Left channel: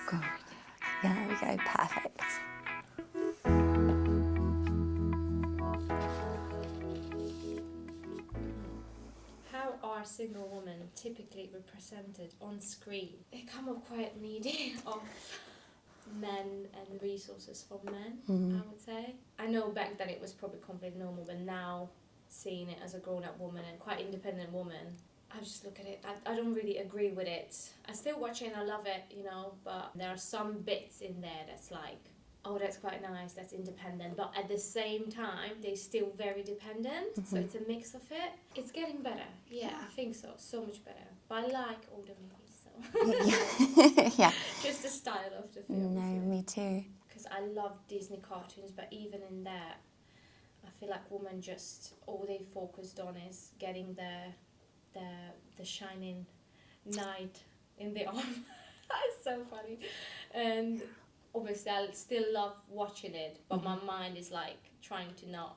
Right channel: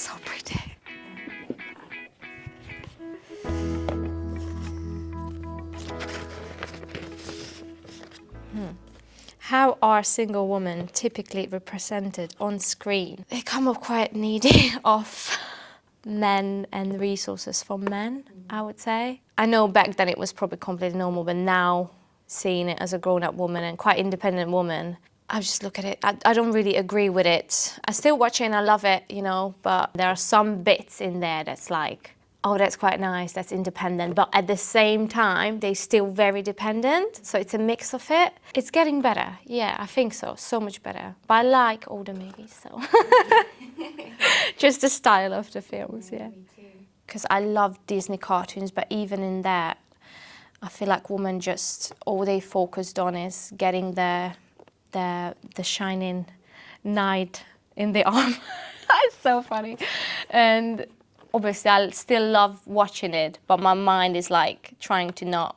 somber day. Yeah, there we go, perfect. How are single women typically represented on screen? They come up quite needy of men and resources for men, I would say. I know back then it was probably completely normal, but now seeing it as a grown-up woman and quite independent woman, I just look at it, I don't really agree with it. I still watch it and I love it, you know, but there are some bits in there that's like, oh, that's quite nice, that's independent. But at the same time, they're still very dependent. So it's a mix of it. It's getting better. Yeah, I think so. So much better. But I like older movies, so. Yeah. Just the style of the films, No, yeah. me too. Because I love Disney cartoons, but even in that, I feel like women just, all they focused on is getting the shining knight in the arm. It's so funny. And obviously, I still love watching it, but my mind is like trying to not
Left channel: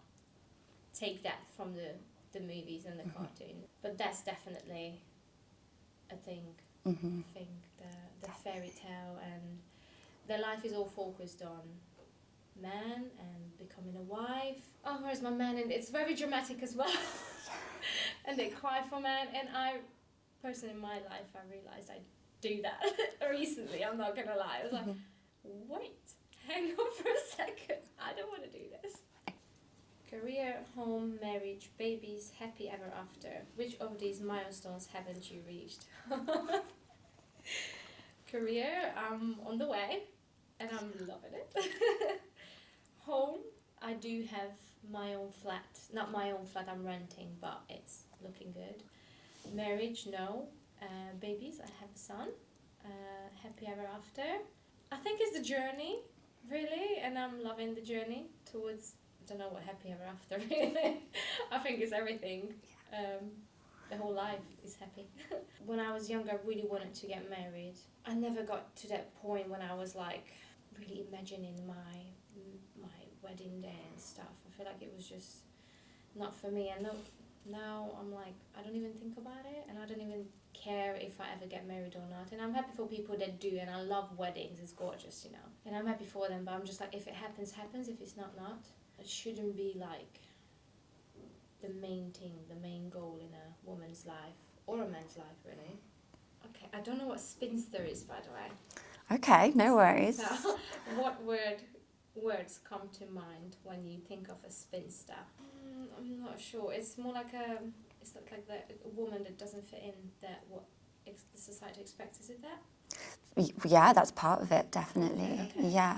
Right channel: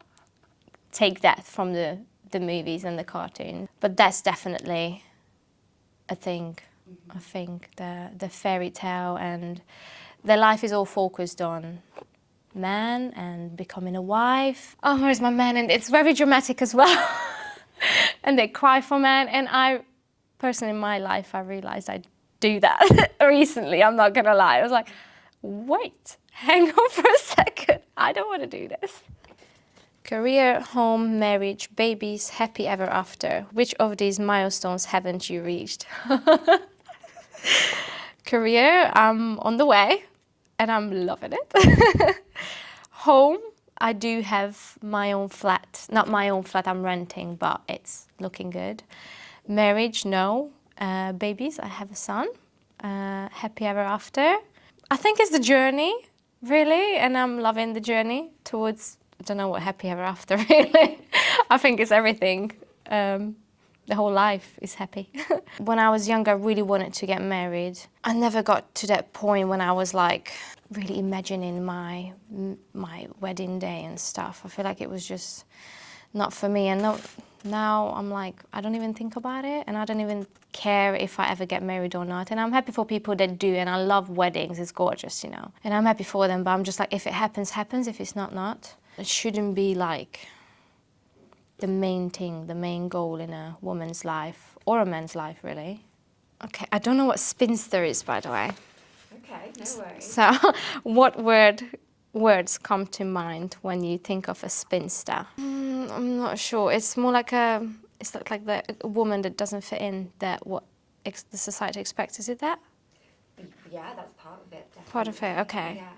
take that from the movies and the cartoons. But that's definitely a thing. I think the fairy tale and their life is all focused on man and becoming a wife. Oh, where's my man? And it's very dramatic as well. And they cry for man. And I, personally, in my life, I realized I do that recently. I'm not gonna lie. I was like, wait, hang on for a second. I don't want to do this. Career, home, marriage, babies, happy ever after. Which of these milestones haven't you reached? Career, I'm on the way and I'm loving it. Home, I do have my own flat. Not my own flat, I'm renting, but it's looking good. Marriage, no. Babies, I have a son. Happy ever after. I think it's the journey, really, and I'm loving the journey towards, I don't know what happy ever after, really. I think it's everything. The whole life is happy. When I was younger, I really wanted to get married. I never got to that point when I was like really imagining my wedding day and stuff. I feel like it was just not for me. And now I'm like, I don't even think about it, and I don't even care if I ever get married or not. And I'm happy for people that do, and I love weddings, it's gorgeous, you know. And I'm happy for them, but I'm just like, if it happens, happens. If it's not, not. It shouldn't be like the main thing, the main goal in a woman's life, or a man's life, really. Okay, I don't know what spinster is, by the way. Okay, no worries. So, what words come to mind when you think of a spinster? I'm not sure. It's more like it's like a woman that doesn't fit in that what the society expects. Is it that? Yeah, that's part of it, definitely. Part of it, okay. Yeah.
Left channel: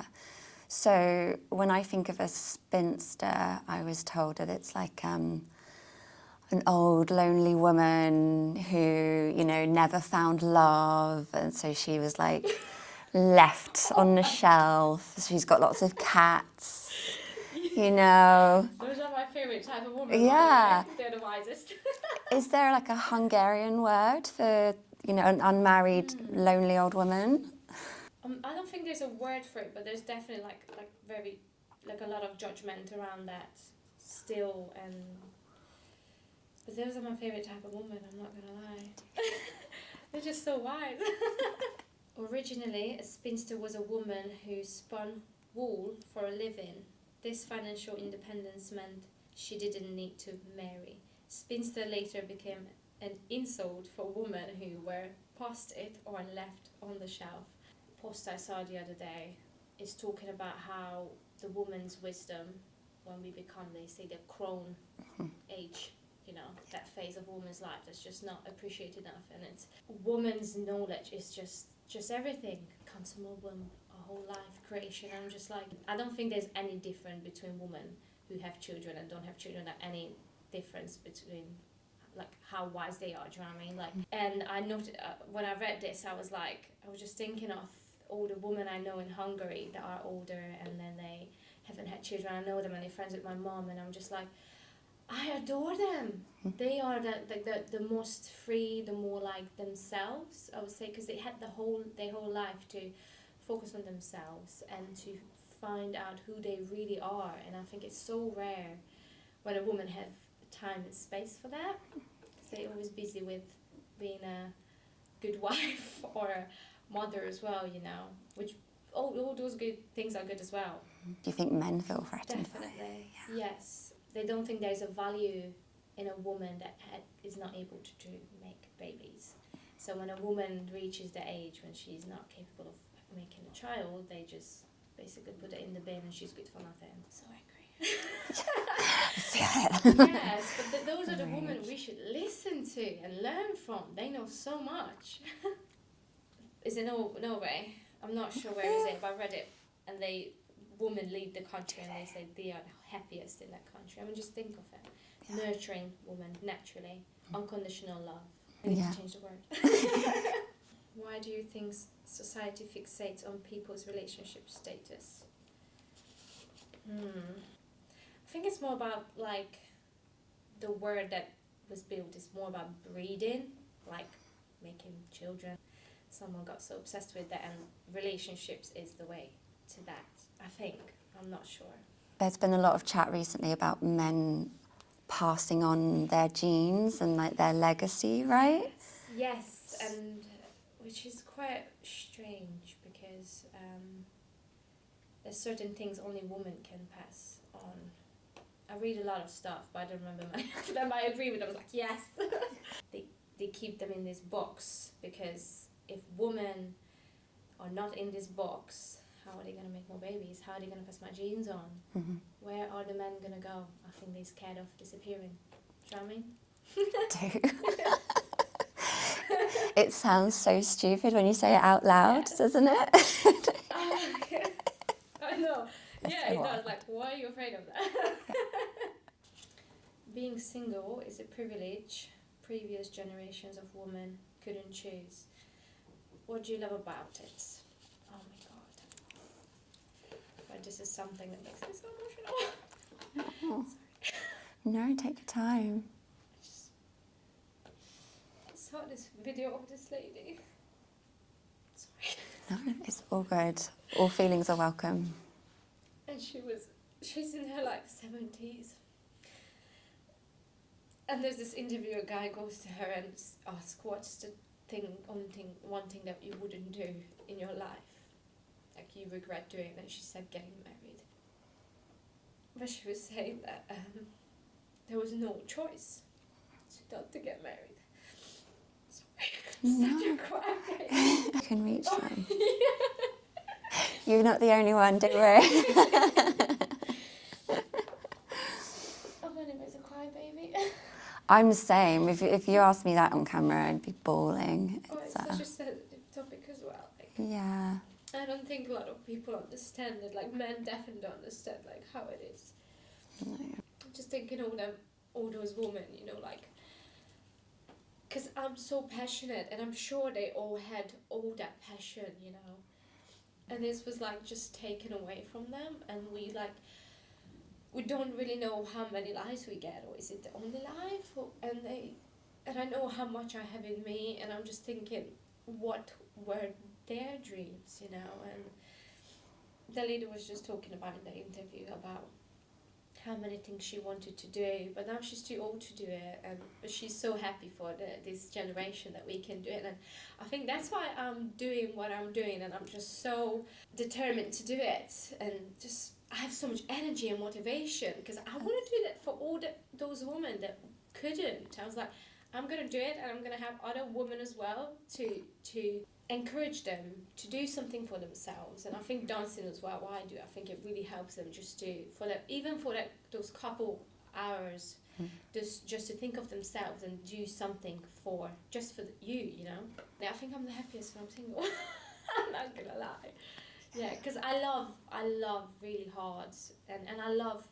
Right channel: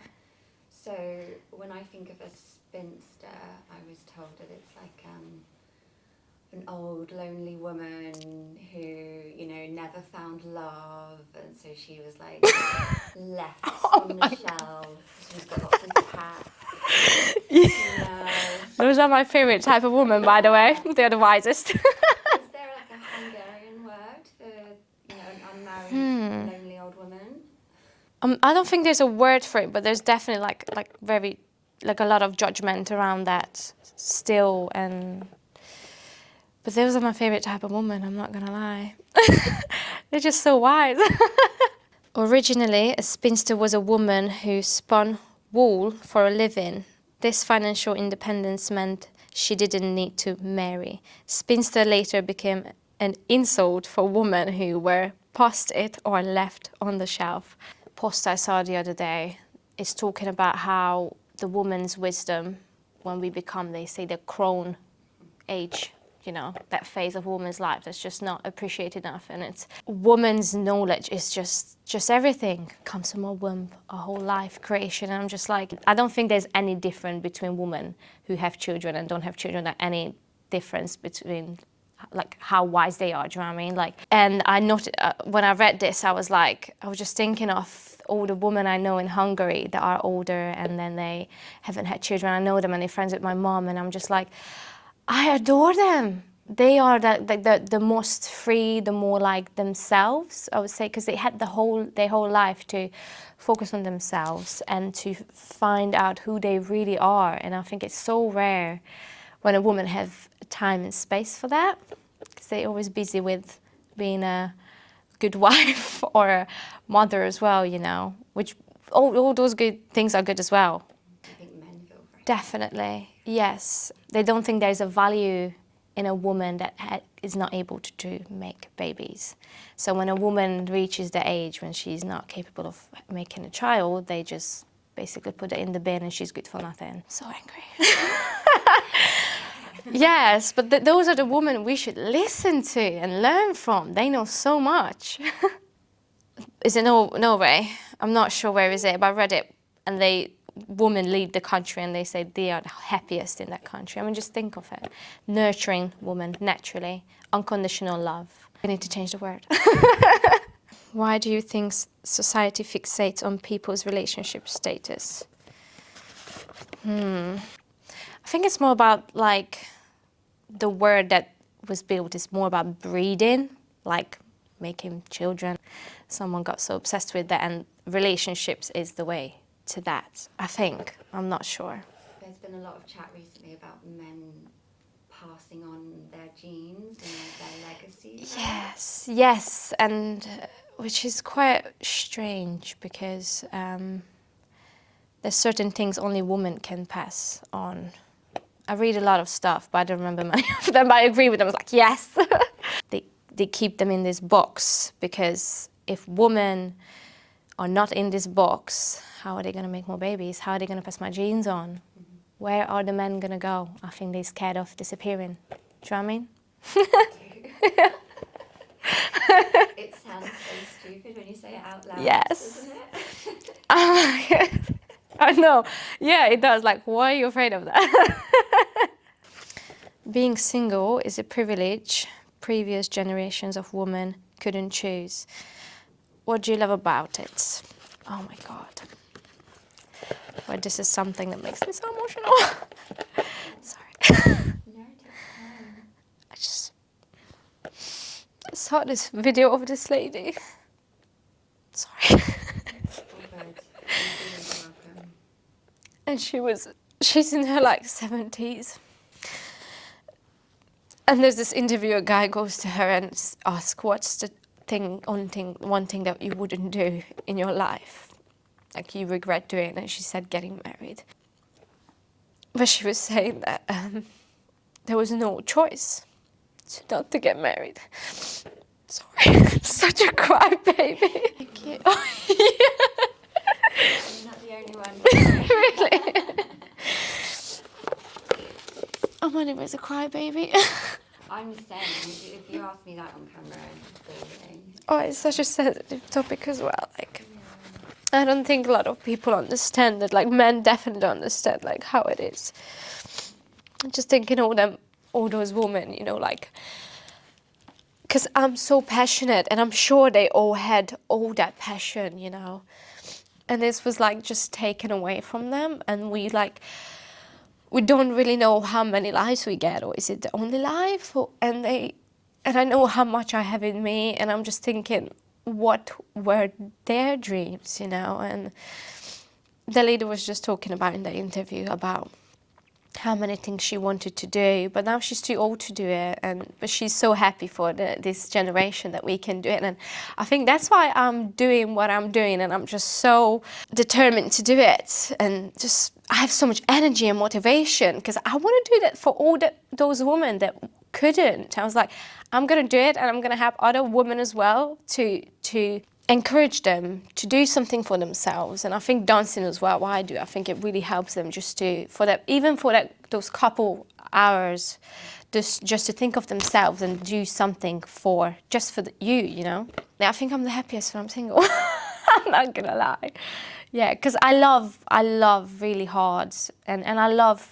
So when I think of a spinster, I was told that it's like an old, lonely woman who, you know, never found love, and so she was like left on the shelf. She's got lots of cats, you know. Those are my favourite type of woman, by the way. They're the wisest. Is there like a Hungarian word for, you know, an unmarried, lonely old woman? I don't think there's a word for it, but there's definitely like a lot of judgment around that still. But those are my favourite type of woman, I'm not gonna lie. They're just so wise. Originally, a spinster was a woman who spun wool for a living. This financial independence meant she didn't need to marry. Spinster later became an insult for women who were past it or left on the shelf. Post I saw the other day is talking about how the woman's wisdom, when we become, they say, the crone age, you know, that phase of woman's life that's just not appreciated enough. And it's woman's knowledge is just everything. Comes from a womb, a whole life creation. And I'm just like, I don't think there's any difference between women who have children and don't have children, like any difference between like how wise they are, do you know what I mean? Like, and I noted, when I read this, I was just thinking of all the women I know in Hungary that are older and then they haven't had children. I know them and they're friends with my mom, and I'm just like, I adore them. They are the most free, the more like themselves, I would say, because they had their whole life to focus on themselves and to find out who they really are. And I think it's so rare when a woman have time and space for that, because they're always busy with being a good wife or a mother as well, you know, which all those good things are good as well. Do you think men feel threatened? Definitely, yes. They don't think there's a value in a woman that is not able to make babies. So when a woman reaches the age when she's not capable of making a child, they just basically put it in the bin and she's good for nothing. So angry. Yes, but those are the women we should listen to and learn from. They know so much. Is it Norway? I'm not sure where is it, but I read it, and women lead the country and they say they are the happiest in that country. I mean, just think of it. Nurturing woman, naturally, unconditional love. We need to change the word. Why do you think society fixates on people's relationship status? I think it's more about, like, the word that was built is more about breeding, like making children. Someone got so obsessed with that, and relationships is the way to that, I think. I'm not sure. There's been a lot of chat recently about men passing on their genes and like their legacy, right? Yes, and which is quite strange because there's certain things only women can pass on. I read a lot of stuff, but I don't remember many of them, but I agree with them. I was like, yes. They keep them in this box because if women are not in this box, how are they going to make more babies? How are they going to pass my genes on? Mm-hmm. Where are the men going to go? I think they're scared of disappearing. Do you know what I mean? It sounds so stupid when you say it out loud, yes. Doesn't it? I know. Yeah, it does. Like, why are you afraid of that? Being single is a privilege previous generations of women couldn't choose. What do you love about it? Oh my God. Well, this is something that makes me so emotional. Sorry. No, take your time. I just saw this video of this lady. Sorry. It's all good. All feelings are welcome. And she's in her like 70s. And there's this interview, a guy goes to her and asks, what's the one thing that you wouldn't do in your life? Like you regret doing, and she said getting married. But she was saying that there was no choice not to get married. Sorry, such a crybaby. You're not the only one, don't worry. Oh, my name is a crybaby. I'm the same. If you asked me that on camera, I'd be bawling. Oh, it's such a sensitive topic as well. Like, yeah. I don't think a lot of people understand that. Like, men definitely don't understand like how it is. I'm just thinking all those women, you know, like, because I'm so passionate, and I'm sure they all had all that passion, you know, and this was like just taken away from them, and we don't really know how many lives we get, or is it the only life? And I know how much I have in me, and I'm just thinking, what were their dreams, you know? And the lady was just talking about in the interview about how many things she wanted to do, but now she's too old to do it, but she's so happy for this generation that we can do it. And I think that's why I'm doing what I'm doing, and I'm just so determined to do it, and just I have so much energy and motivation because I want to do that for all those women that couldn't. I was like, I'm going to do it, and I'm going to help other women as well to encourage them to do something for themselves. And I think dancing as well, what I do, I think it really helps them just those couple hours, just to think of themselves and do something for you know. I think I'm the happiest when I'm single. I'm not gonna lie. Yeah, because I love really hard, and I love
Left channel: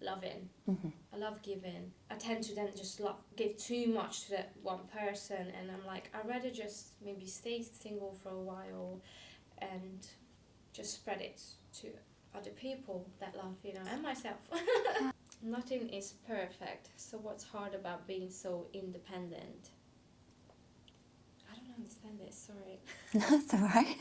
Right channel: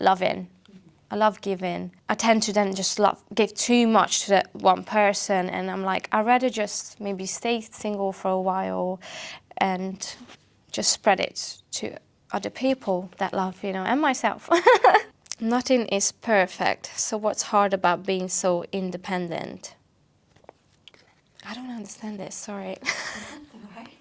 loving. Mm-hmm. I love giving. I tend to then just give too much to that one person, and I'm like, I'd rather just maybe stay single for a while and just spread it to other people that love, you know, and myself. Nothing is perfect, so what's hard about being so independent? I don't understand this, sorry. That's all right.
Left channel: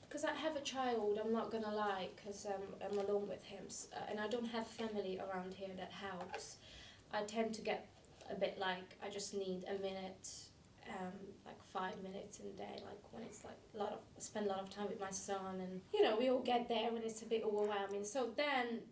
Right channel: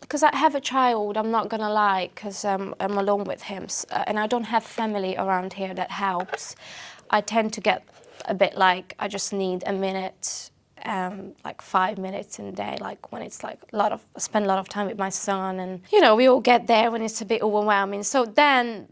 Because I have a child, I'm not gonna lie, because I'm alone with him, and I don't have family around here that helps. I tend to get a bit like, I just need a minute like 5 minutes in a day, like when it's like I spend a lot of time with my son, and you know, we all get there when it's a bit overwhelming. So then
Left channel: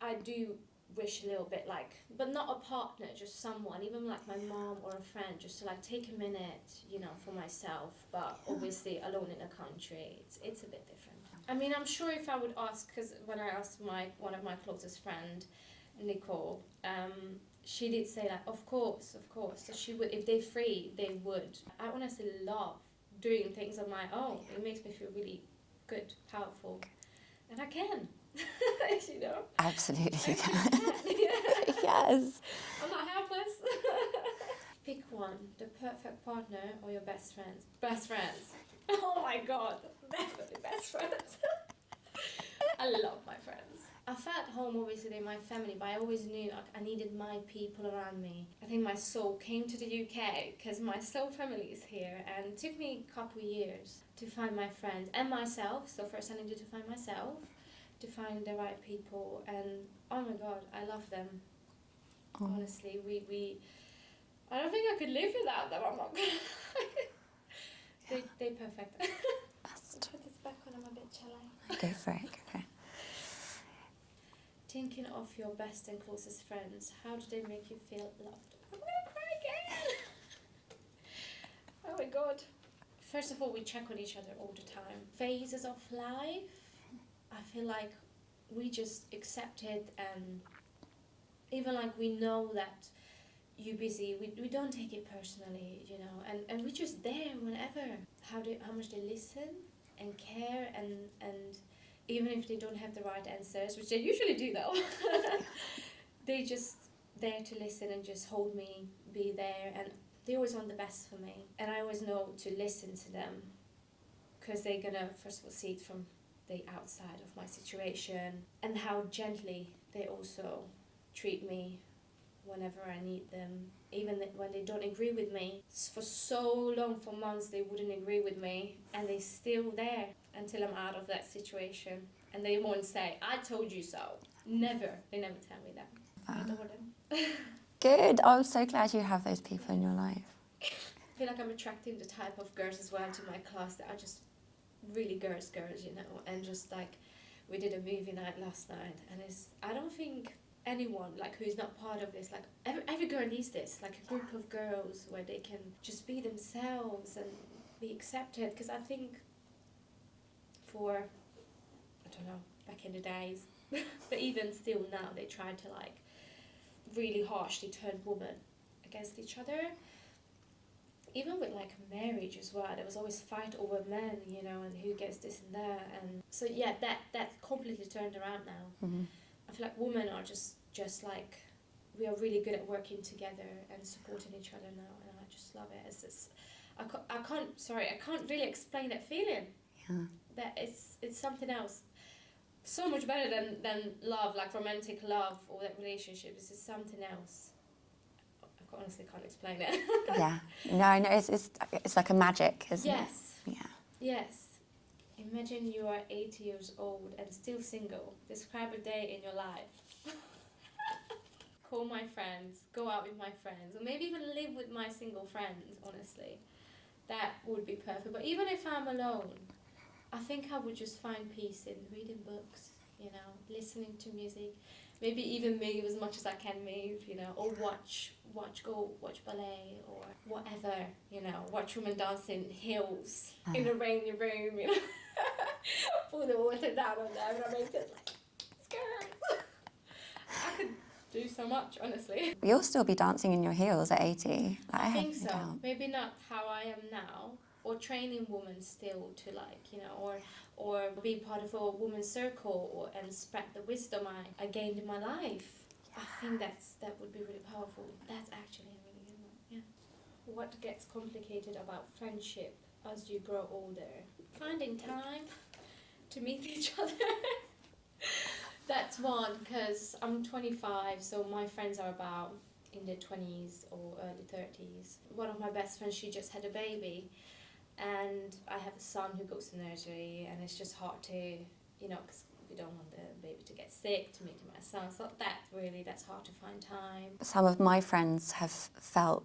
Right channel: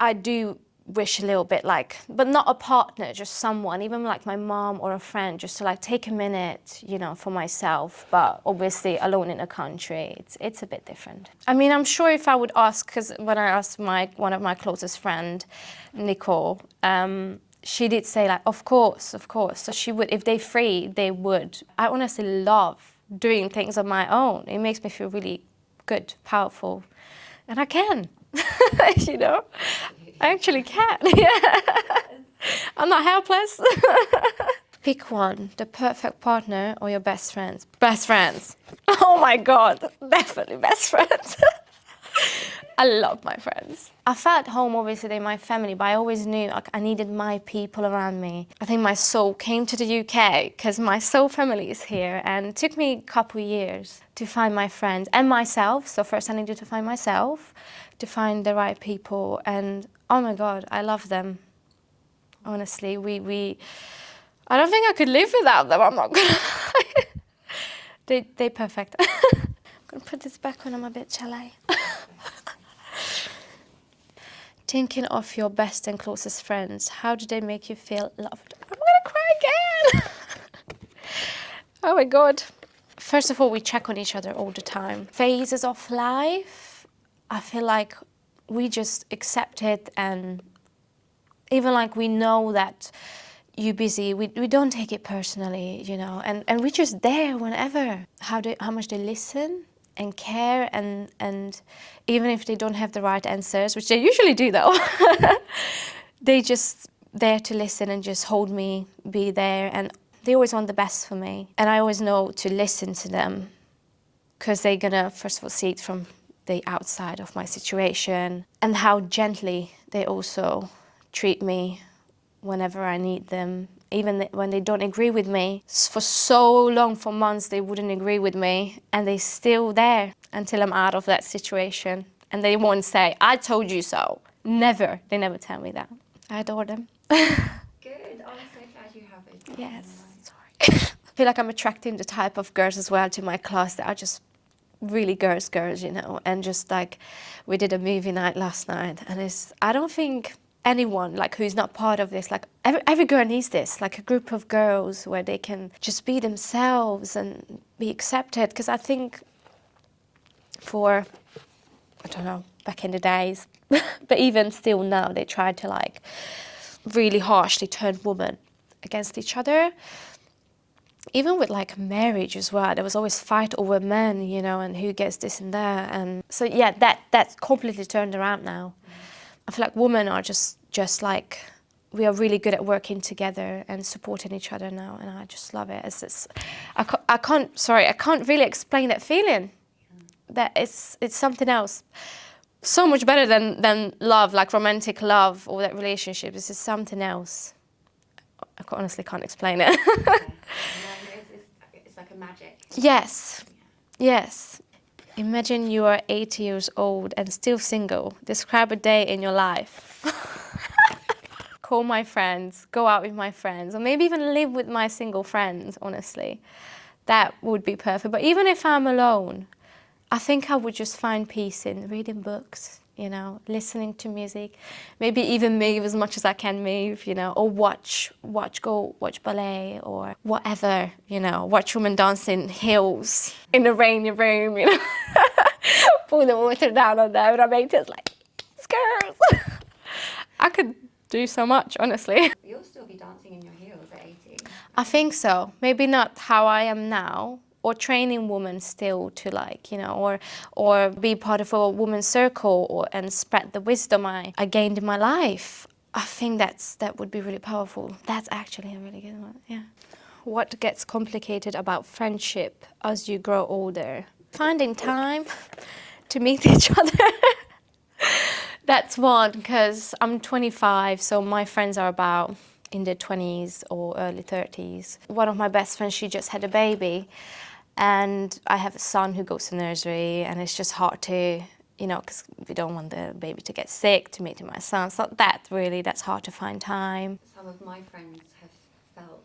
I do wish a little bit like, but not a partner, just someone, even like my mom or a friend, just to like take a minute, you know, for myself. But obviously alone in a country, it's a bit different. I mean, I'm sure if I would ask, because when I asked one of my closest friend, Nicole, she did say like, of course. So she would, if they're free, they would. I honestly love doing things on my own. It makes me feel really good, powerful, and I can. You know? Absolutely. I actually can. Yeah. Yes. I'm not helpless. Pick one, the perfect partner or your best friends. Best friends. Oh my God, definitely best friends. I love my friends. I felt home, obviously, in my family, but I always knew like, I needed my people around me. I think my soul came to the UK because my soul family is here, and it took me a couple of years to find my friends and myself. So first I needed to find myself, to find the right people, and oh my God, I love them. Oh. Honestly, I don't think I could live without them, I'm not gonna lie. They're perfect. I'm gonna put this back when I'm a bit, shall I? Go for it. Okay. Thinking of your best and closest friends, how do they make you feel loved? I'm gonna cry again. Oh my God. First of all, we check on each other all the time. Phases of life, I feel like we just accept it, and even like we know that you're busy, we don't take it personally, you know, and we're just there whenever. How much they listen and care, and even if they don't have the right answers, which they usually do though, they just there to listen and just hold me, be there, and they always want the best for me. And I always know to listen to them, because they're gonna first of all see it from the outside of my situation, and how gently they also treat me whenever I need them, even when they don't agree with me. For so long, for months, they wouldn't agree with me, and they're still there until I'm out of that situation. And they won't say, I told you so. Never. They never tell me that. I adore them. Good. Oh, I'm so glad you have those people in your life. I feel like I'm attracting the type of girls as well to my class that are just really girls, you know, and just like, we did a movie night last night, and I don't think anyone like who's not part of this, like every girl needs this, like a group of girls where they can just be themselves and be accepted. Because I think for, I don't know, back in the days, but even still now, they try to like really harshly turn women against each other. Even with like marriage as well, there was always fight over men, you know, and who gets this and that. And so yeah, that's completely turned around now. Mm-hmm. I feel like women are just like, we are really good at working together and supporting each other now, and I just love it. I can't really explain that feeling. Yeah. That it's something else, so much better than love, like romantic love or that relationship. This is something else. I honestly can't explain it. Yeah, no, it's like a magic. Yes. Yeah. Yes. Imagine you are 80 years old and still single. Describe a day in your life. Call my friends, go out with my friends, or maybe even live with my single friends, honestly. That would be perfect. But even if I'm alone, I think I would just find peace in reading books, you know, listening to music, maybe even move as much as I can move, you know, or go watch ballet or whatever, you know, watch women dance in heels in a rainy room, you know, pour the water down on them, and I make it like, girls. I could do so much, honestly. You'll still be dancing in your heels at 80. I think so. Maybe not how I am now, or training women still to like, you know, or be part of a women's circle and spread the wisdom I gained in my life. I think that would be really powerful. That's actually a really good one, yeah. What gets complicated about friendship as you grow older? Finding time to meet each other. That's one, because I'm 25, so my friends are about in their 20s or early 30s. One of my best friends, she just had a baby, and I have a son who goes to nursery, and it's just hard to, you know, because we don't want the baby to get sick, to meet my son. So that's hard to find time. Some of my friends have felt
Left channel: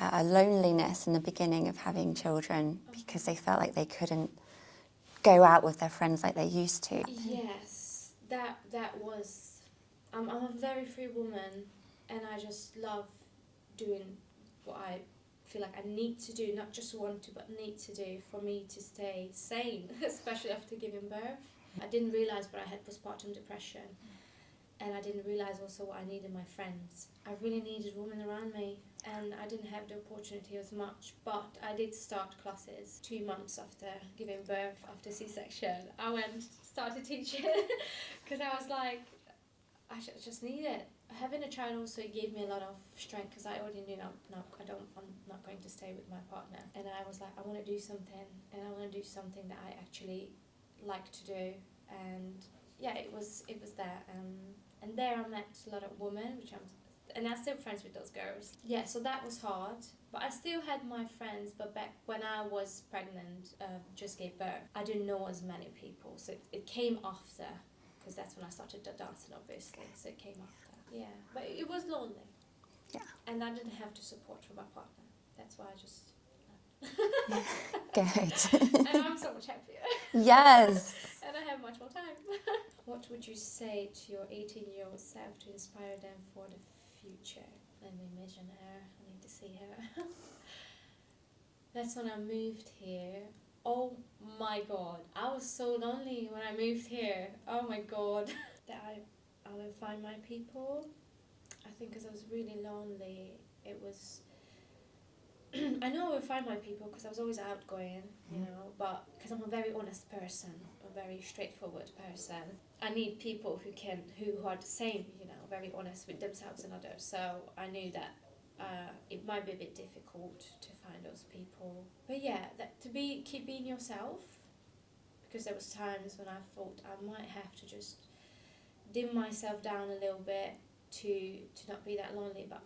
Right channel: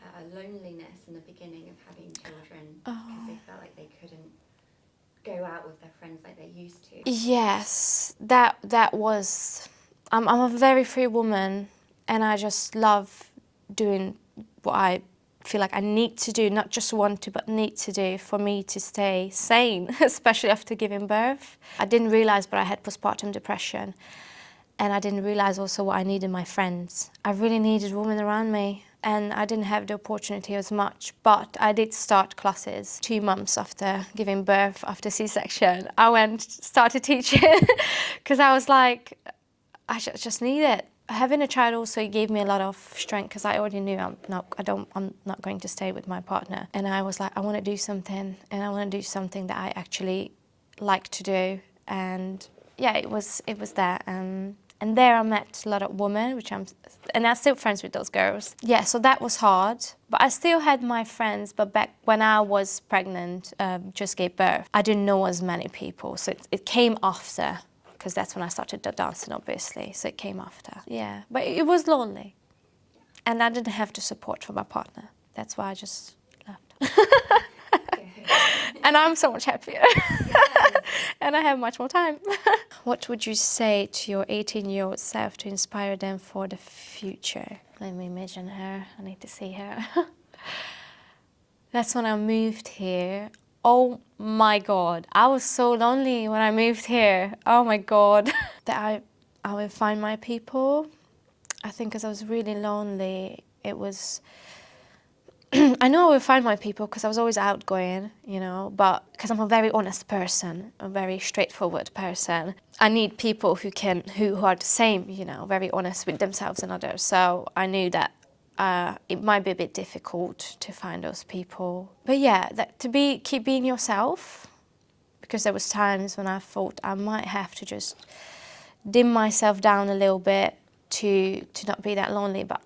a loneliness in the beginning of having children because they felt like they couldn't go out with their friends like they used to. Yes, that was. I'm a very free woman, and I just love doing what I feel like I need to do, not just want to, but need to do for me to stay sane, especially after giving birth. I didn't realize, but I had postpartum depression, and I didn't realize also what I needed my friends. I really needed women around me, and I didn't have the opportunity as much, but I did start classes 2 months after giving birth, after C-section. I started teaching because I was like, I just need it. Having a child also gave me a lot of strength because I already knew I'm not going to stay with my partner. And I was like, I want to do something, and I want to do something that I actually like to do. And yeah, it was that. And there I met a lot of women, and I'm still friends with those girls. Yeah, so that was hard. But I still had my friends, but back when I was pregnant, just gave birth, I didn't know as many people. So it came after, because that's when I started dancing, obviously. So it came after. Yeah, but it was lonely. Yeah. And I didn't have the support from my partner. That's why I just left. Good. And I'm so much happier. Yes. And I have much more time. What would you say to your 18-year-old self to inspire them for the future? Let me imagine her. I need to see her. That's when I moved here. Oh my God, I was so lonely when I moved here. Oh my God. That I will find my people. I think because I was really lonely, it was... I know I will find my people because I was always outgoing, you know, but because I'm a very honest person, a very straightforward person, I need people who are the same, you know, very honest with themselves and others. So I knew that it might be a bit difficult to find those people. But yeah, keep being yourself, because there was times when I thought I might have to just dim myself down a little bit to not be that lonely, but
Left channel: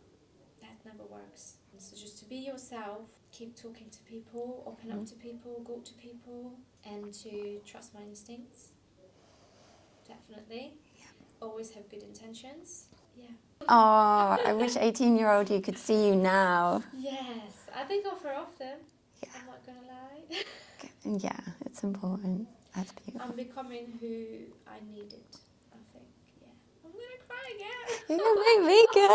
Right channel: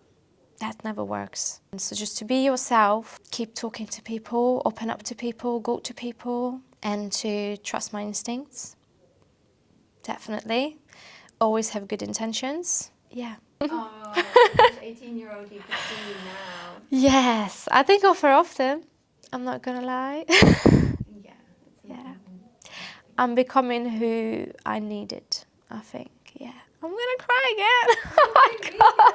that never works. And so just to be yourself, keep talking to people, open up to people, go to people, and to trust my instincts. Definitely. Always have good intentions. Yeah. Oh, I wish 18-year-old you could see you now. Yes, I think of her often. Yeah. I'm not gonna lie. Yeah, it's important. Yeah. I'm becoming who I needed, I think. Yeah. I'm gonna cry again. You make me go.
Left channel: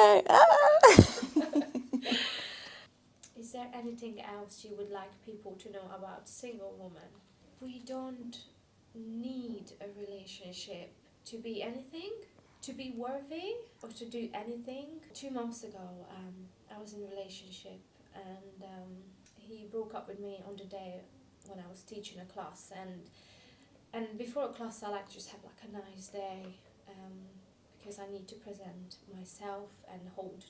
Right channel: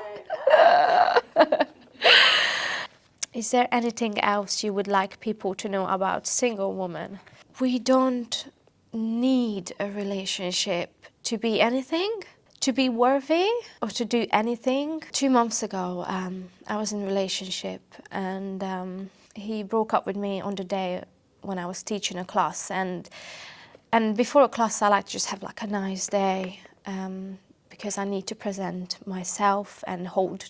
Is there anything else you would like people to know about single women? We don't need a relationship to be anything, to be worthy, or to do anything. 2 months ago, I was in a relationship, and he broke up with me on the day when I was teaching a class. And before a class, I like to just have like a nice day, because I need to present myself and hold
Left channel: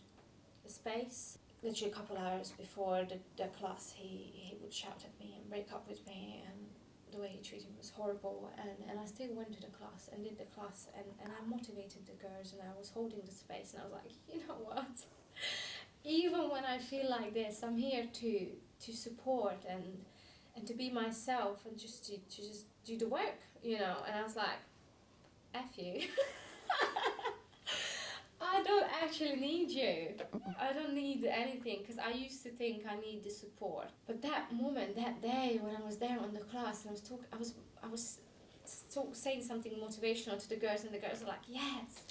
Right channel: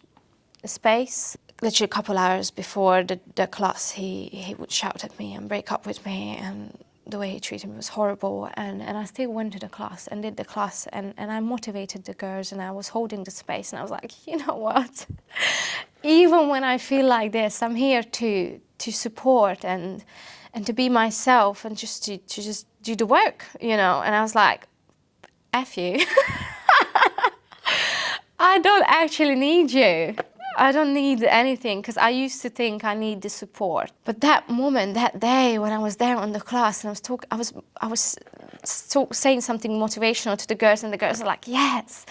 a space. Literally a couple hours before the class, he would shout at me and break up with me, and the way he treated me was horrible. And I still went to the class and did the class, and I motivated the girls, and I was holding the space, and I was like, you know what? Even when I feel like this, I'm here to support and to be myself, and just to just do the work, you know. And I was like, F you. I don't actually need you. I don't need anything, because I used to think I need the support. But that moment, that day when I was there on the class, and I was saying something motivational to the girls, and the girls were like, yes.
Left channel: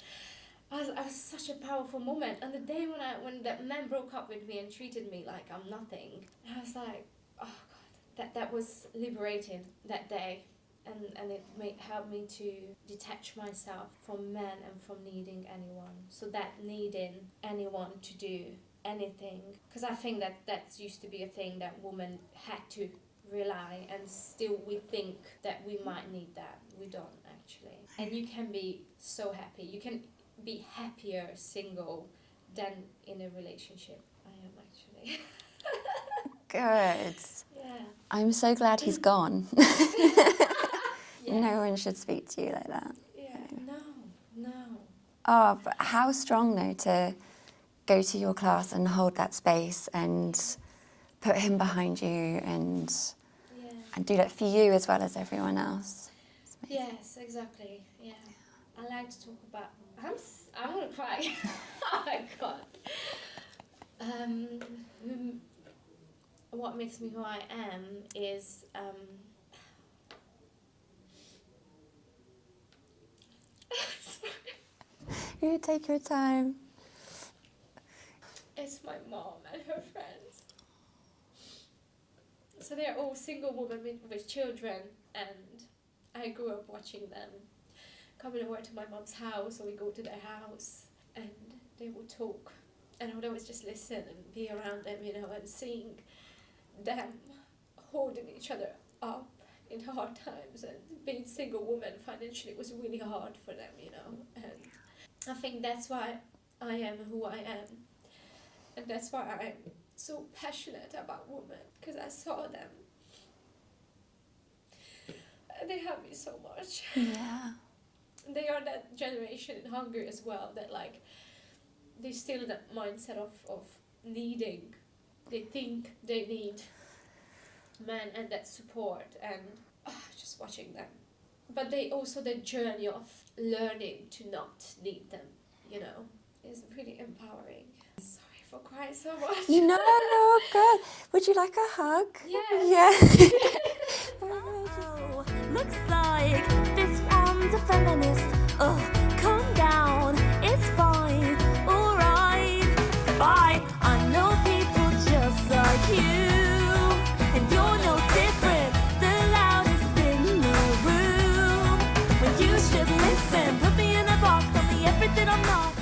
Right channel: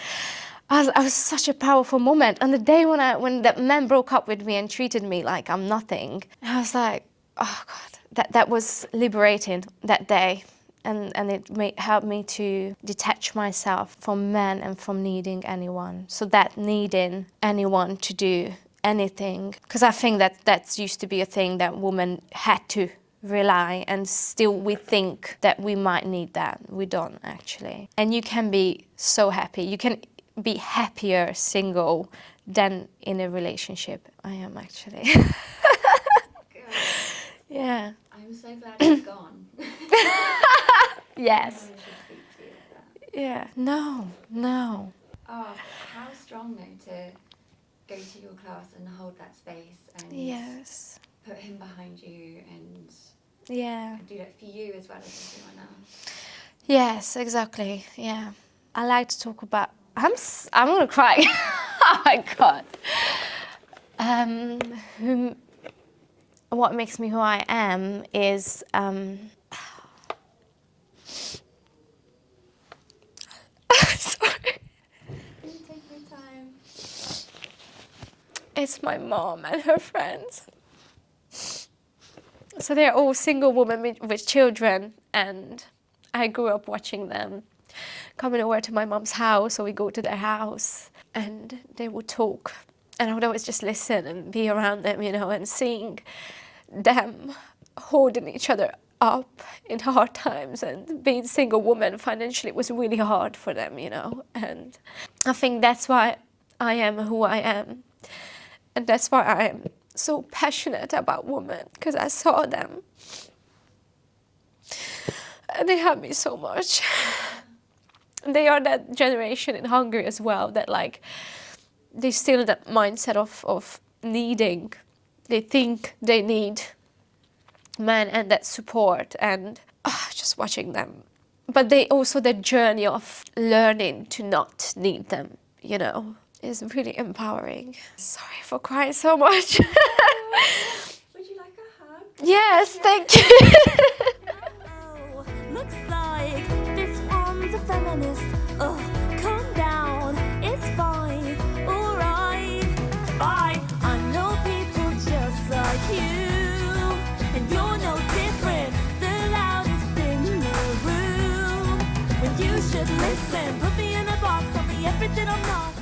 I was such a powerful moment. And the day when that man broke up with me and treated me like I'm nothing, I was like, oh God, that was liberating that day. And it helped me to detach myself from men and from needing anyone. So that needing anyone to do anything, because I think that used to be a thing that women had to rely, and still we think that we might need that. We don't actually. And you can be so happy. You can be happier single than in a relationship. I am actually. Good. Yeah. I'm so glad he's gone. Yes. No one should speak to you like that. Yeah. No. Oh, but how strong though to go to your class and hold that space and put him behind you and do that for you as well as everyone else. Yes, exactly. Yeah. I like to talk about. I'm gonna cry. Oh my God. what makes me who I am is sorry. You take your time. It's my mom and her friends. So they're all single women with children, and I grew up watching them coming over to my mom's house, or we go to their house, and they would talk. And I would always just listen and be around them, you know, and seeing them holding each other up in hard times, and being single woman financially was really hard for them, you know. And I think that's why I am who I am. And that's why I am so passionate about women, because I saw them. And they helped me so much. And they are that generation in Hungary as well, that like, they still that mindset of needing. They think they need men and that support, and just watching them. But they also, the journey of learning to not need them, you know, is really empowering. Sorry for crying so much. No, would you like a hug? Yes, Yes. thank you. Oh, looks like this one's a feminist. Oh, calm down, it's fine, alright. Bye. I know people just like you, and you're no different, the loudest in the room. When you should listen, put me in a box, tell me everything I'm not.